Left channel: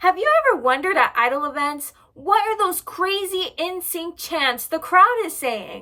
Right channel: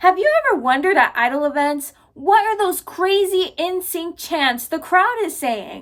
Have you ever wondered at idol events, what are those crazy in-sync chants the crowd is saying?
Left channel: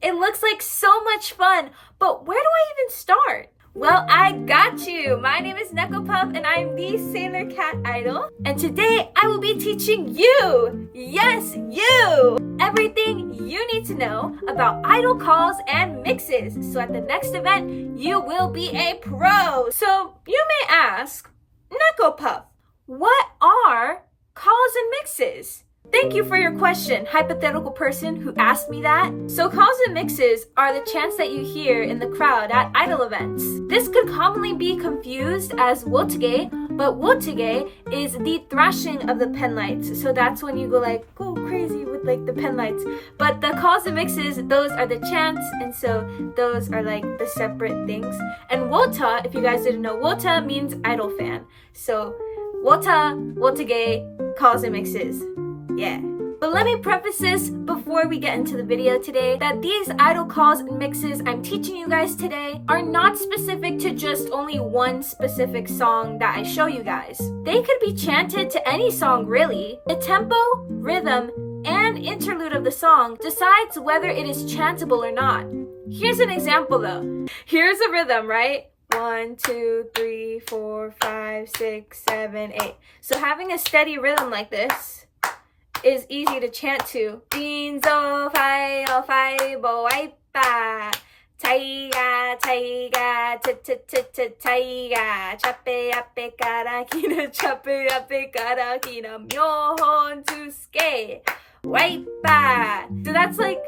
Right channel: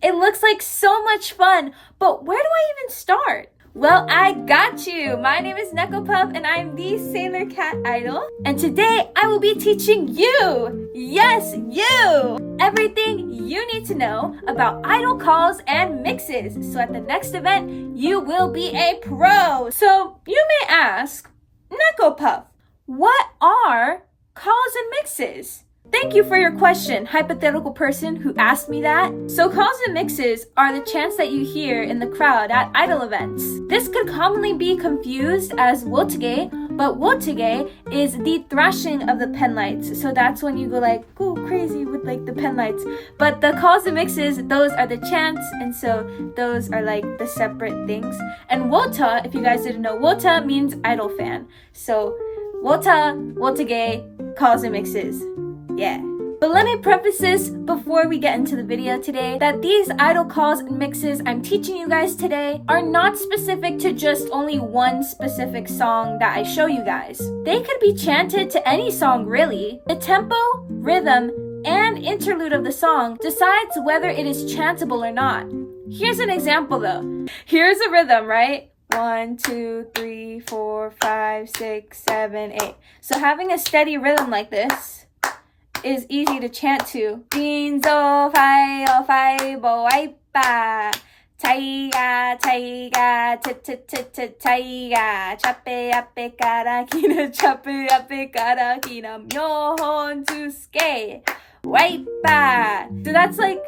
It looks like so much fun, but where do I even start? Well, I got you! My name is Neko Puff and I'm the Sailor Cat Idol. And today I will be teaching you, yes, you, everything you need to know about idol calls and mixes. So at the next event, you will be a pro. So you may ask, Neko Puff, what are calls and mixes? Thank you for your question, hypothetical person who asked me that. So calls and mixes are the chants that you hear in the crowd at idol events. This could commonly be confused as wotage, but wotage is the thrashing of the pen lights. So that's when you go crazy with like the pen lights. But the calls and mixes, those are the chants, and so those are like the separate things. And wota, if you guys didn't know, wota means idol fan. So wota, wotage, calls and mixes. Yeah. But let me preface this before we get into the video today that these idol calls and mixes I'm teaching you guys today are not specific to just only one specific song that I show you guys. They could be chanted to any song really. The tempo, rhythm, and interlude of the song decides whether it is chantable or not. Here's an example though. Here's a rhythm, right? 1, 2, 3, 4, 5, 6, 7, 8. So having a steady rhythm like this is easy to chant to. Jinzo fai o fai bo aipa. Taiga taiga t t t t taiga. Chape ape karakina chape ape karakina. Myohontsuske waipa. So that's like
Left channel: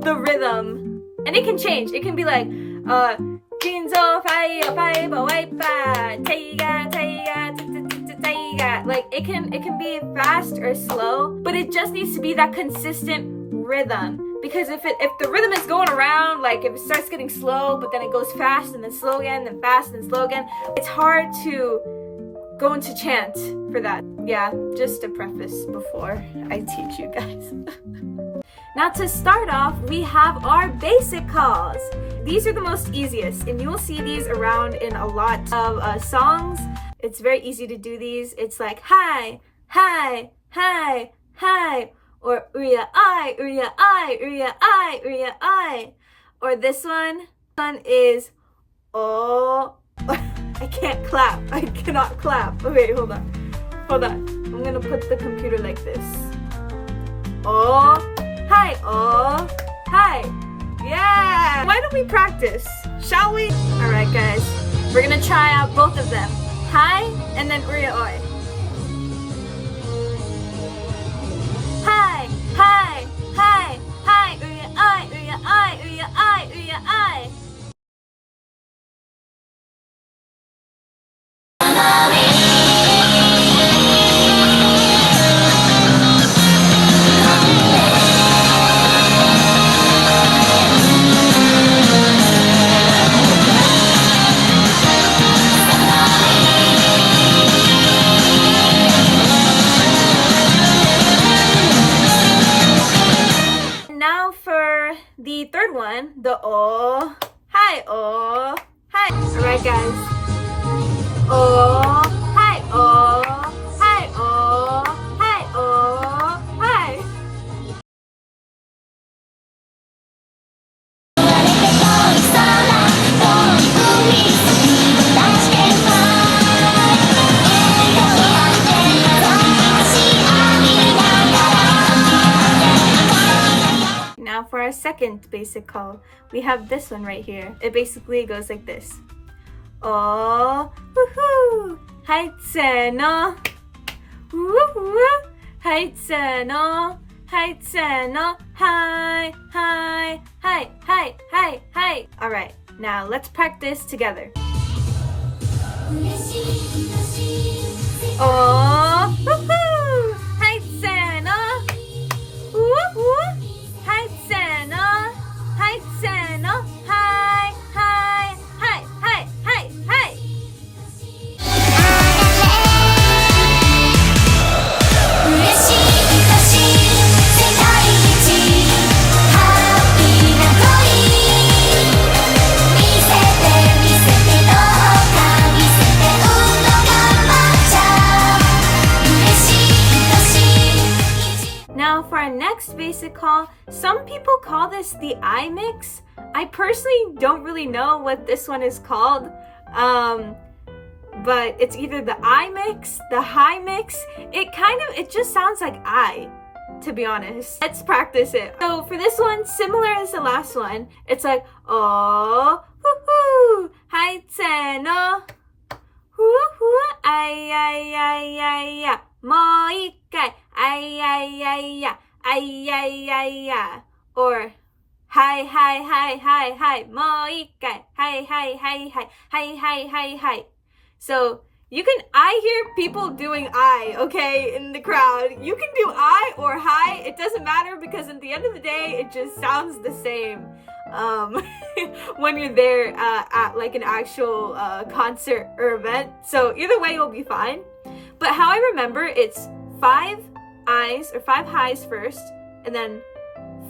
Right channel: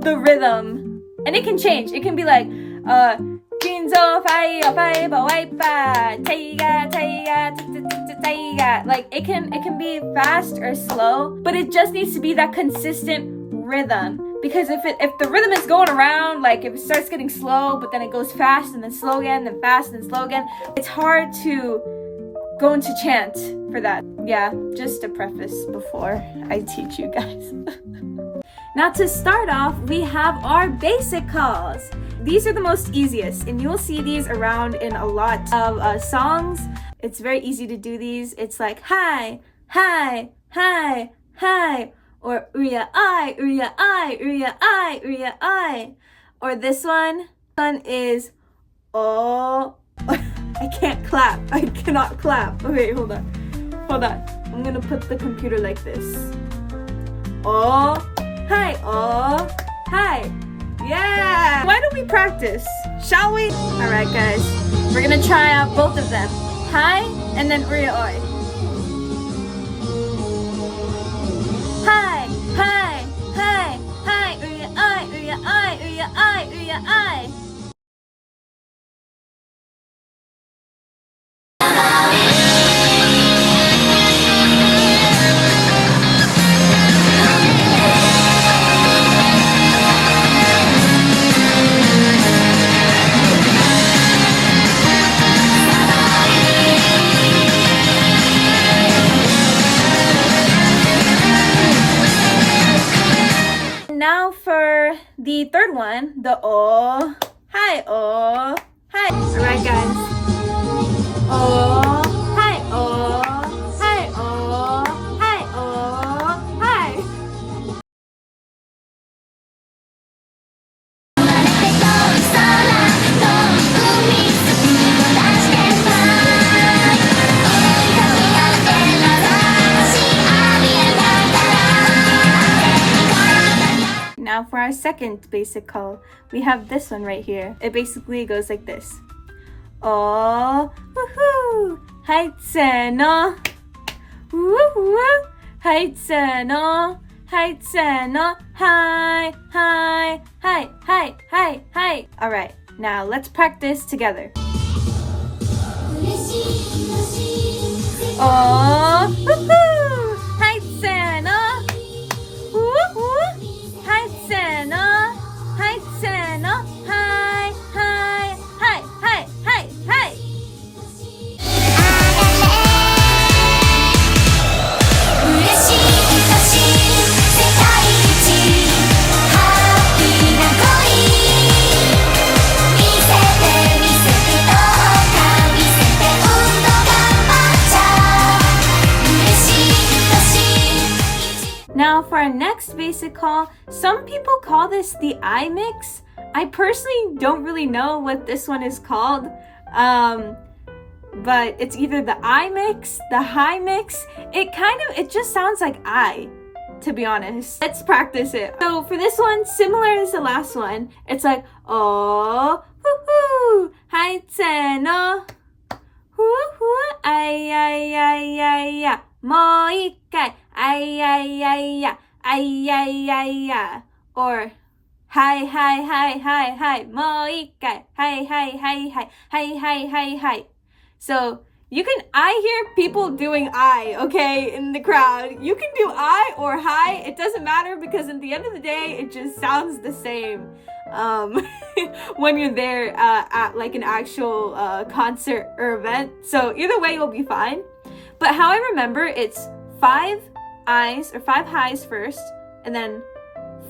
the rhythm. And it can change. It can be like Jinzo fai o fai bo aipa. Taiga taiga t t t taiga. Like it can be fast or slow, but it just needs to be that consistent rhythm. Because if the rhythm is going around, like if it starts getting slow, but then it goes fast and then slow again, then fast and slow again, it's hard to go into chant for that. Yeah, just a preface before I teach you guys. Now to start off, we have our basic calls. These are the most easiest, and you will see these around in a lot of songs. It's very easy to do these. It's like hi, hi, hi, hi, or uya I, uya I, uya I, uya I. Or this one is oh. I can't clap. I cannot clap. Okay, hold on. I'm gonna put the computer like this. Oh, hi, oh, hi. Yeah! Why don't we practice? Shall we? Alright guys, we're gonna try out both of them. Hi, and then uya oi. Hi, hi, hi, hi, uya I, uya I, uya I, uya I. Now for the third one, the oh, hi, oh, hi. Alright guys. Oh, hi, oh, hi, oh, hi, oh, hi. Now for our second basic call, we have this one right here. It basically goes like this. Oh, woohoo! Haitse no. Woohoo! Haitse no. Haitse no. Hi, hi, hi, hi, hi, hi. All right, now let's practice together. Oh, woohoo! Haitse no. Woohoo! Haitse no. Haitse no. Hi, hi, hi, hi, hi, hi. our next basic call, some people call this the I mix. I personally don't really know what this one is called. But it's either the I mix, the high mix. It just sounds like I, to be honest. Let's practice it. So for this one, similar as the last one, it's like, oh, hoo hoo, hai tse no, hoo hoo, ai ai ai ai ya, mo ikkai, ai ai ai ya, ai ai ai ya, or hi hi hi hi hi, mo ikkai, hi hi hi hi, hi hi hi hi. So I hear people doing I, okay, in the crowd. You can do I or hi. It doesn't matter because at the end of the day, it just sounds the same when you're there at like an actual concert or event. So either way, you'll be fine. But how I remember, it's 5 I's or 5 highs first, and then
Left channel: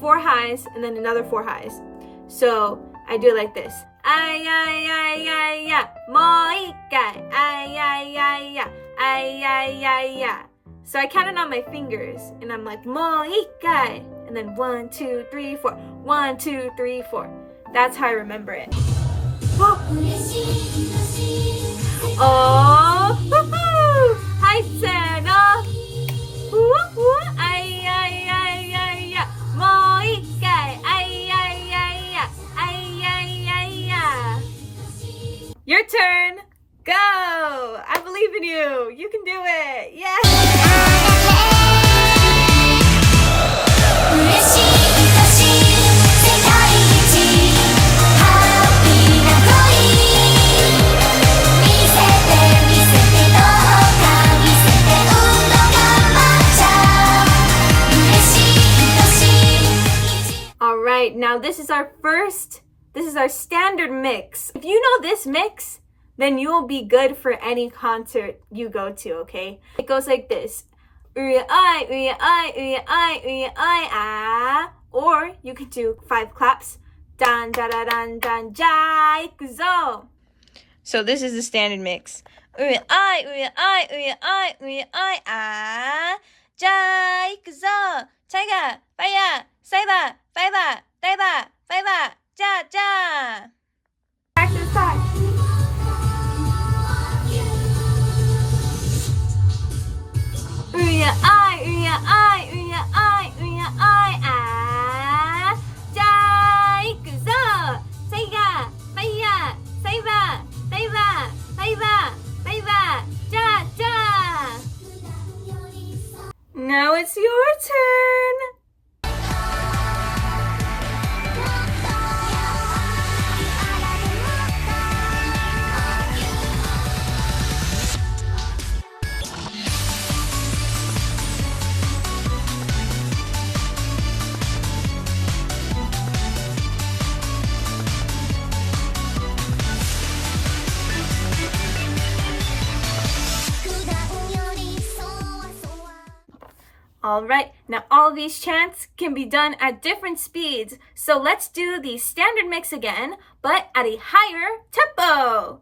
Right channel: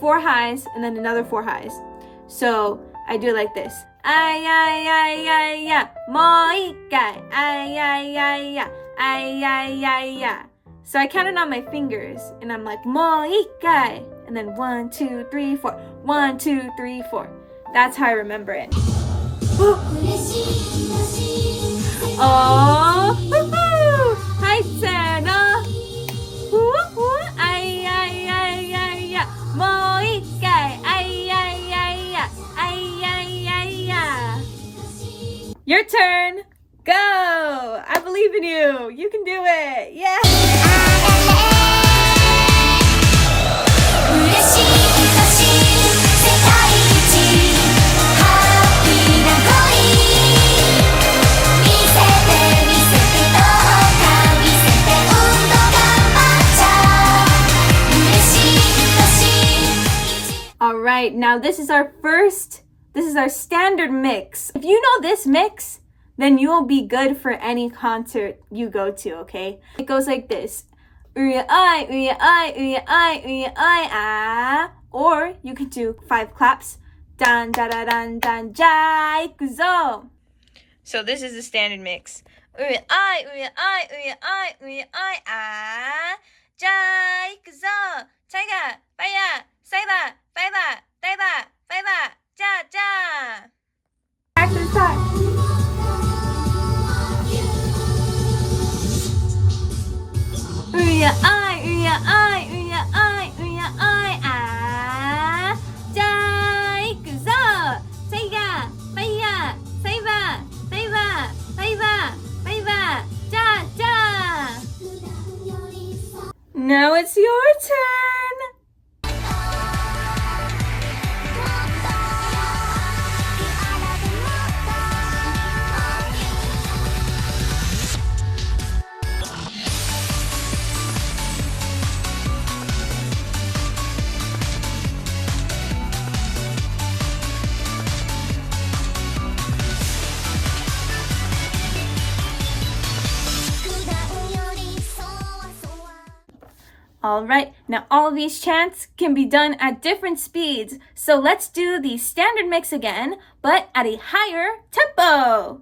4 highs, and then another 4 highs. So I do it like this. Ai ai ai ai ya, mo ikkai, ai ai ai ya, ai ai ai ya. So I count it on my fingers, and I'm like mo ikkai, and then 1 2 3 4, 1 2 3 4. That's how I remember it. Oh, hoo-hoo, hai tse no, hoo-hoo, ai ai ai ai ya, mo ikkai, ai ai ai ya, ai ai ai ya. Your turn. Go. I believe in you. You can do it. Yeah. All right, now this is our standard mix. If you know this mix, then you will be good for any concert you go to, okay? It goes like this. Or you can do 5 claps. Dan da da dan dan ja ikuzo. So this is the standard mix. Ja ikuzo. Taiga, baya, saiba, baiba, daiba, baiba, ja ja. Back to the start. Now it's your turn. All right, now all these chants can be done at different speeds. So let's do the standard mix again, but at a higher tempo.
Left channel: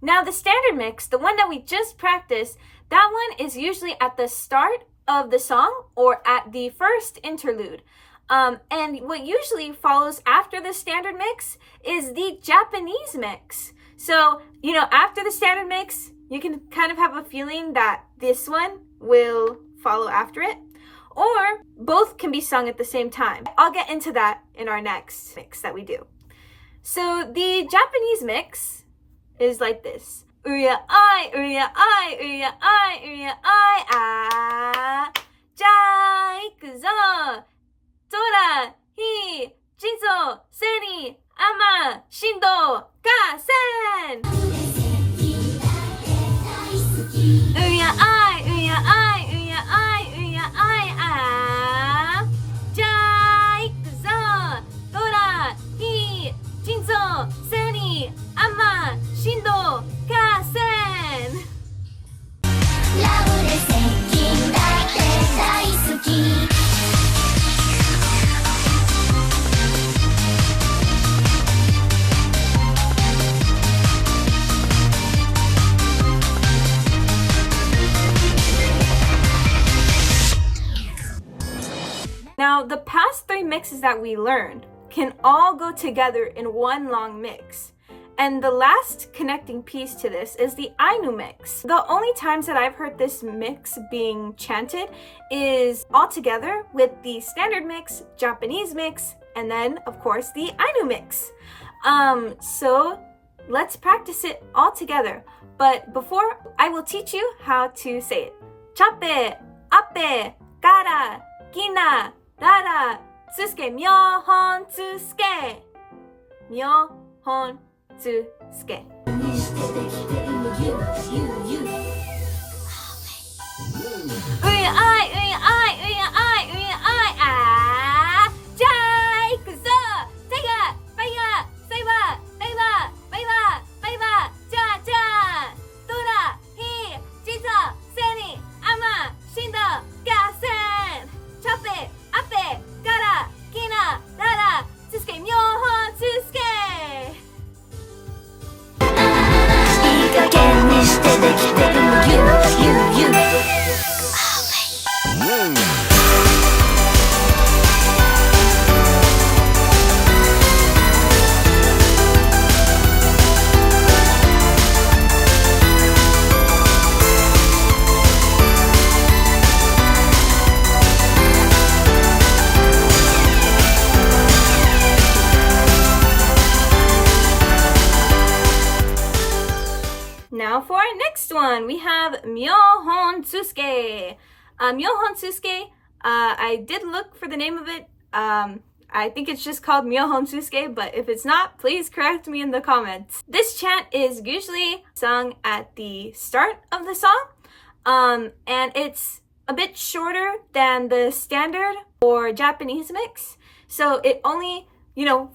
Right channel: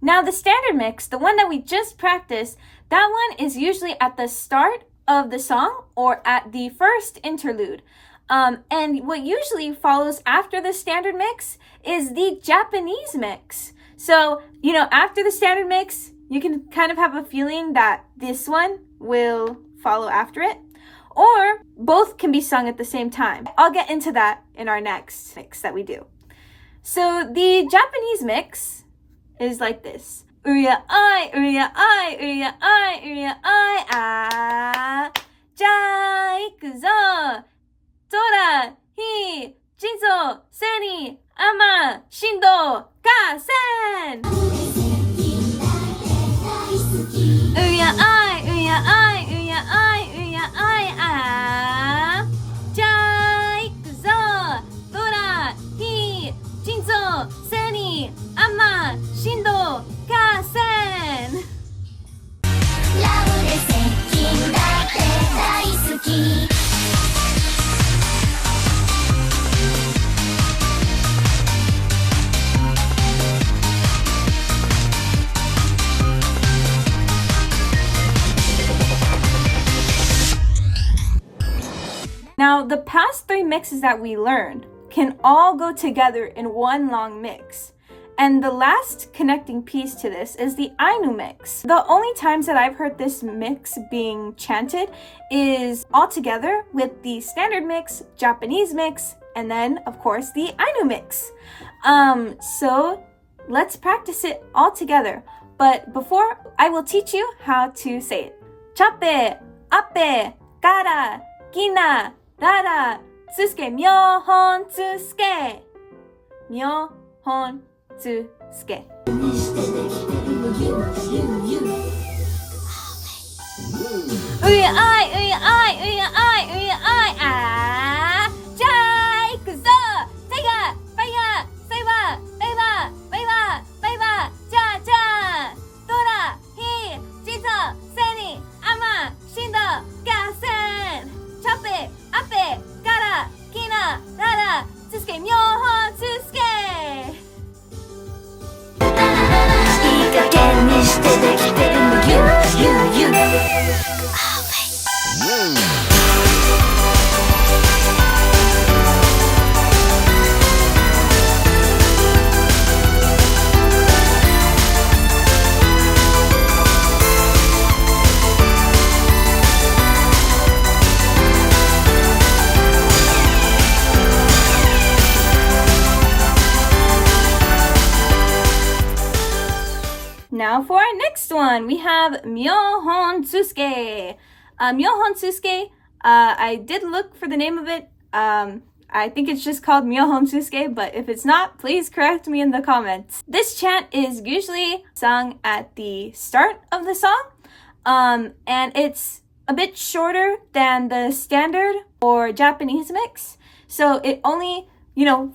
Now the standard mix, the one that we just practiced, that one is usually at the start of the song or at the first interlude. And what usually follows after the standard mix is the Japanese mix. So, after the standard mix, you can kind of have a feeling that this one will follow after it, or both can be sung at the same time. I'll get into that in our next mix that we do. So the Japanese mix is like this. Uya ai, uya ai, uya ai, uya ai, ah. Ja ikuzo. Tora, hi, jinzo, seri, ama, shindo, kasen. Uya ai, uya uya ai, ah. Ja, ikuzo. Tora, hi, jinzo, seni, ama, shindo, kasen. Now, the past 3 mixes that we learned can all go together in one long mix. And the last connecting piece to this is the Ainu mix. The only times that I've heard this mix being chanted is all together with the standard mix, Japanese mix, and then, of course, the Ainu mix. So let's practice it all together. But before, I will teach you how to say it. Chape, ape, kara, kina, rara, tsuske, myohontsuske. Myohontsuske. Uya ai, uya ai, uya ai, uya ai, ah. Ja, ikuzo. Taiga, faya, saiba, baiba, baiba, baiba, ja, ja. Tora, hi, jizo, seni, ama, shindo, gasen. Chape, ape, kara, kina, rara, tsuske, myohontsuske. いい加減にしてできてるの You Now for our next one, we have Myohontsuske. Myohontsuske, I did look for the name of it. I think it's just called Myohontsuske, but if it's not, please correct me in the comments. This chant is usually sung at the start of the song, and it's a bit shorter than the standard or Japanese mix. So it only,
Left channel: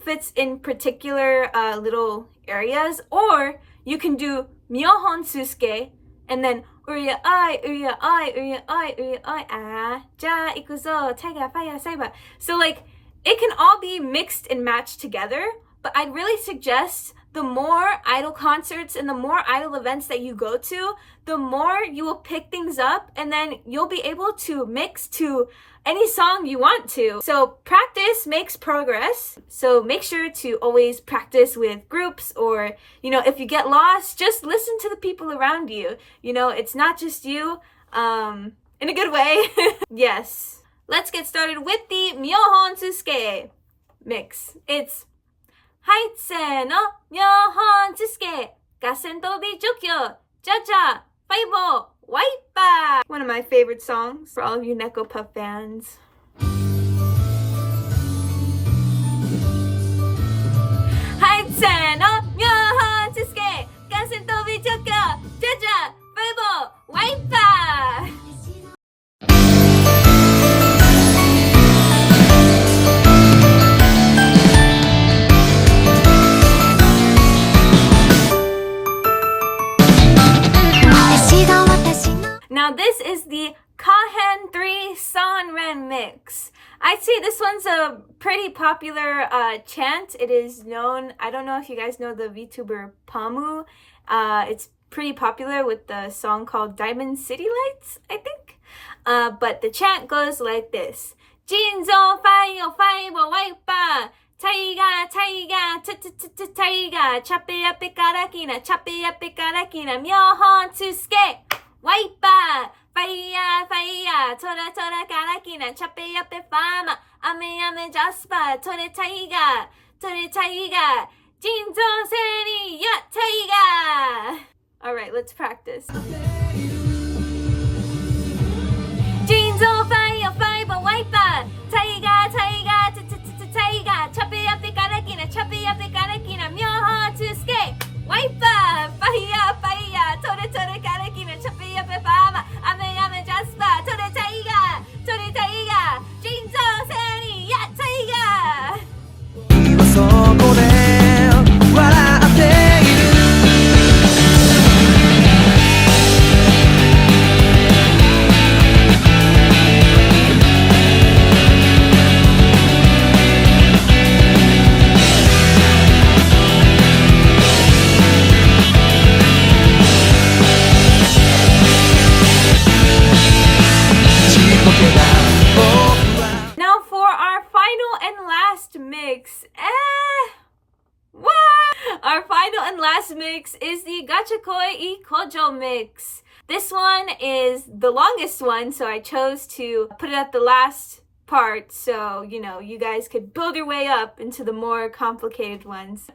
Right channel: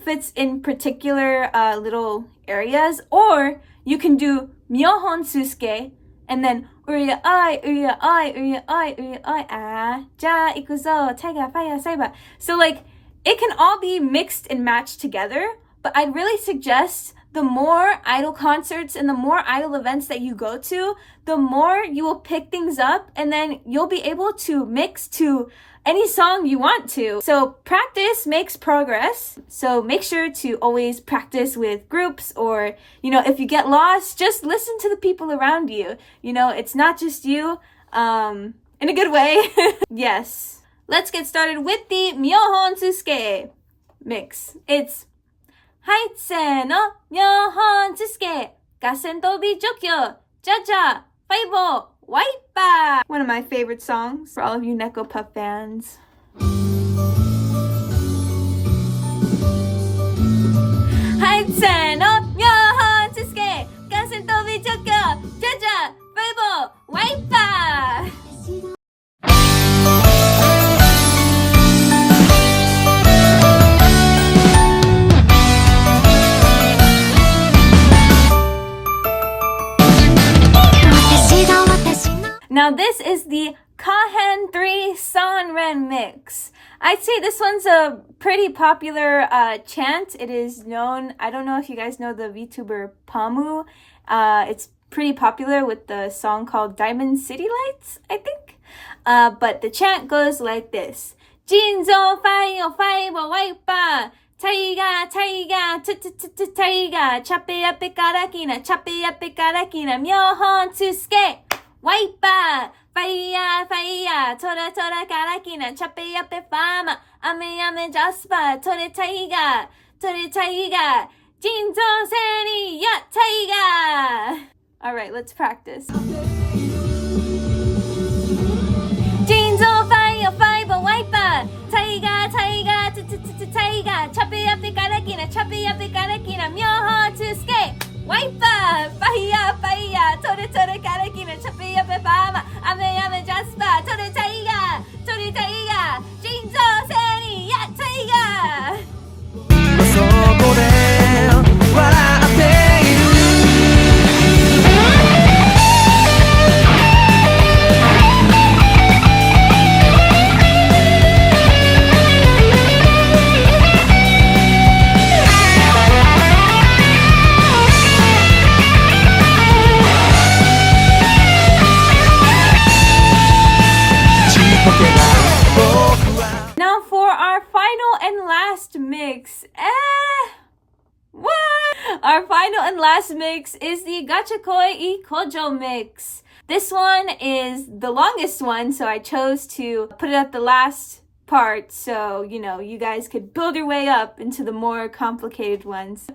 fits in particular little areas, or you can do Myohontsuske and then uya ai, uya ai, uya ai, uya ai, ah, ja, ikuzo, taiga, faya, saiba. So it can all be mixed and matched together, but I'd really suggest the more idol concerts and the more idol events that you go to, the more you will pick things up and then you'll be able to mix to any song you want to. So practice makes progress. So make sure to always practice with groups, or, if you get lost, just listen to the people around you. It's not just you, in a good way. Yes. Let's get started with the Myohontsuske mix. It's Haitse no Myohontsuske, Gasen tobi jokyo, ja-ja, faibo, waipa. One of my favorite songs for all of you Neko Pup fans. Haitse no Myohontsuske, Gasen tobi jokyo, ja-ja, faibo, waipa. Now this is the Kahen 3 Sanren mix. I'd say this one's a pretty popular chant. It is known, I don't know if you guys know the VTuber Pamu. It's pretty popular with the song called Diamond City Lights, I think. But the chant goes like this. Jinzo faio faibo waipa. Taiga, taiga, taiga, chape ape karakina, chape ape karakina, Myohontsuske. Waipa, faya, faya, tora, tora, karakina, chape, yape, fama, ame, ame, jaspa, tore, taiga, jinzo, seni, ya, taiga. All right, let's practice. Jinzo, faya, faiba, waipa, taiga, taiga, taiga, chape, yape, karakina, chape, yape, karakina, Myohontsuske. Waipa, faya, faya, tore, tore, karakina, chape, yape, fama, ame, ame, jaspa. final and last mix is the Gachikoi Koujo mix. This one is the longest one, so I chose to put it at the last part so, you know, you guys could build your way up into the more complicated ones.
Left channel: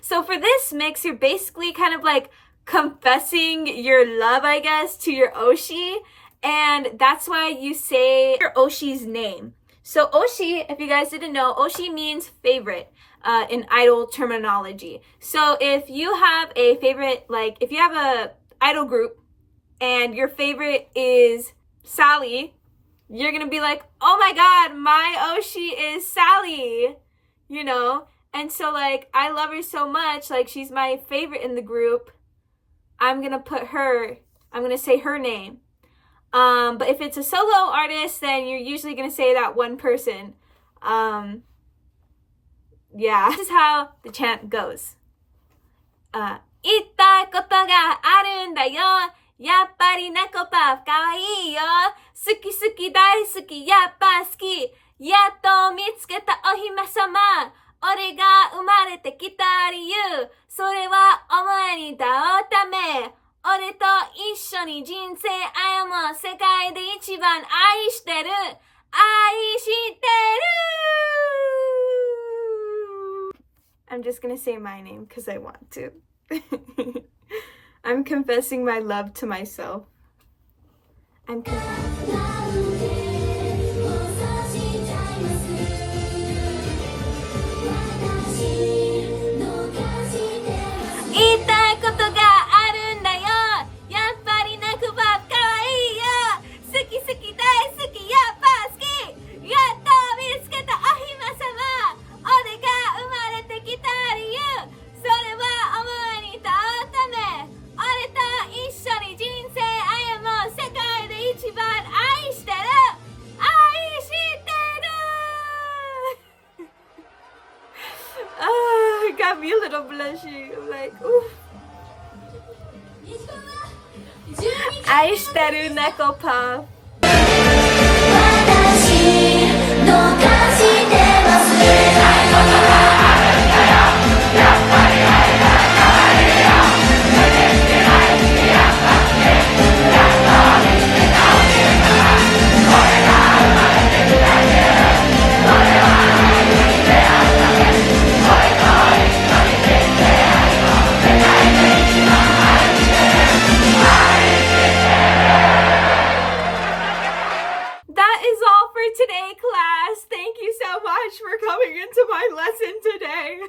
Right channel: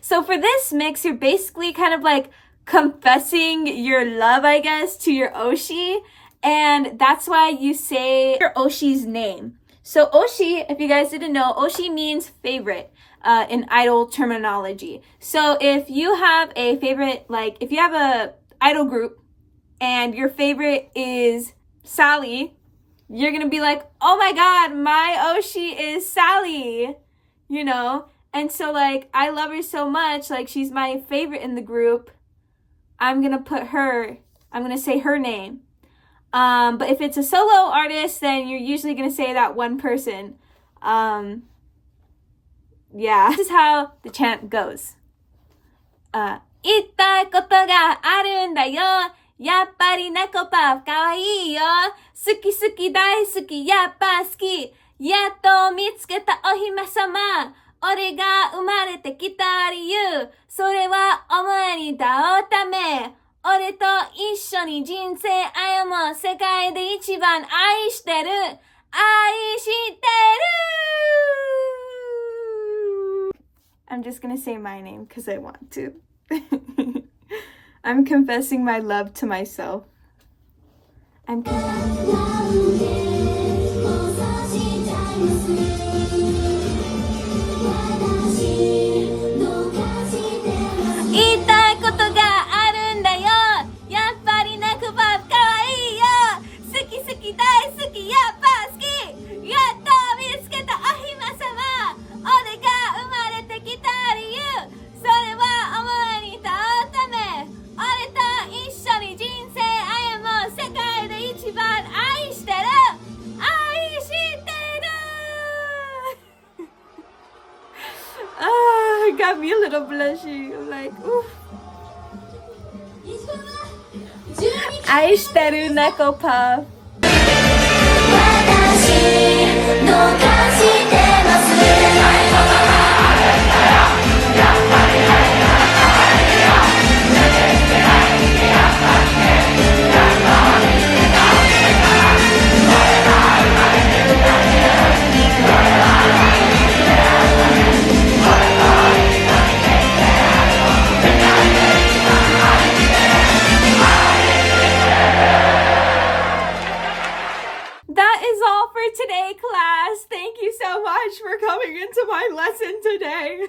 So for this mix, you're basically kind of like confessing your love, I guess, to your oshi, and that's why you say your oshi's name. So oshi, if you guys didn't know, oshi means favorite in idol terminology. So if you have a favorite, like if you have a idol group and your favorite is Sally, you're gonna be like, oh my god, my oshi is Sally, you know? And so like, I love her so much, like she's my favorite in the group, I'm gonna say her name. But if it's a solo artist, then you're usually gonna say that one person. Yeah, this is how the chant goes. 言いたいことがあるんだよ。やっぱり猫パフかわいいよ。好き好き大好き、やっぱ好き。やっと見つけたお姫様。俺が生まれてきた理由。それはお前に会うため。俺と一緒に人生歩もう。世界で一番愛してる。愛してる。I'm just gonna say my name because I want to. I'm confessing my love to myself. I'm confessing. 言いたいことがあるんだよ。やっぱり泣くばかわいいよ。好き好き大好き、やっぱ好き。やっと見つけたお姫様。俺が生まれてきた理由。それはお前に会うため。俺と一緒に人生歩もう。世界で一番愛してる。愛してる。It got me a little blushy. I'm like, ooh. 愛してる猫パフ。私どうかしてます。That is all for today, class. Thank you so much for coming into my lesson today.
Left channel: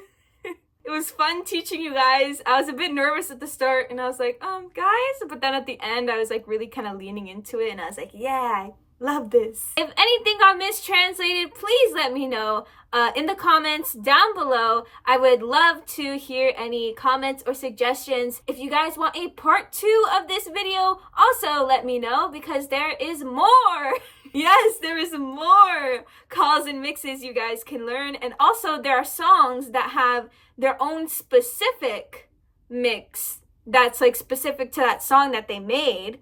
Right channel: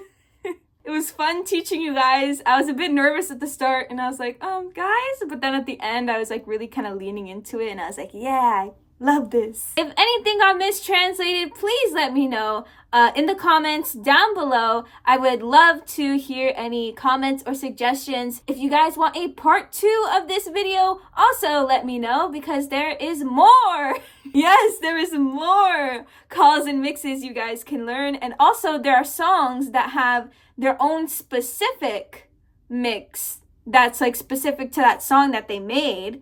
It was fun teaching you guys. I was a bit nervous at the start and I was like, guys, but then at the end I was like really kind of leaning into it and I was like, yeah, I love this. If anything got mistranslated, please let me know in the comments down below. I would love to hear any comments or suggestions. If you guys want a part 2 of this video, also let me know because there is more. Yes, there is more calls and mixes you guys can learn. And also there are songs that have their own specific mix that's like specific to that song that they made.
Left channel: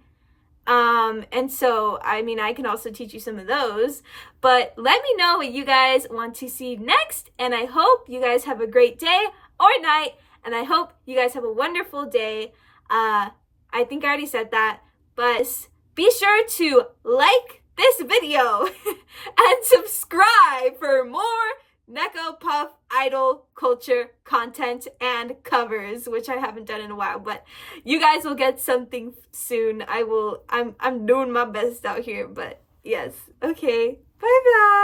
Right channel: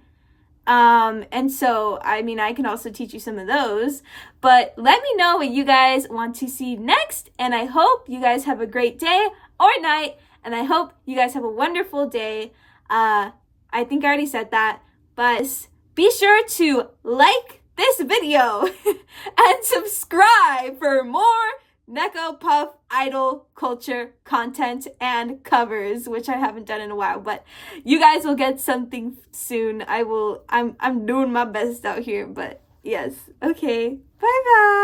And so, I mean, I can also teach you some of those, but let me know what you guys want to see next. And I hope you guys have a great day or night. And I hope you guys have a wonderful day. I think I already said that, but be sure to like this video and subscribe for more Neko Puff idol culture content and covers, which I haven't done in a while, but you guys will get something soon. I'm doing my best out here, but yes. Okay. Bye bye.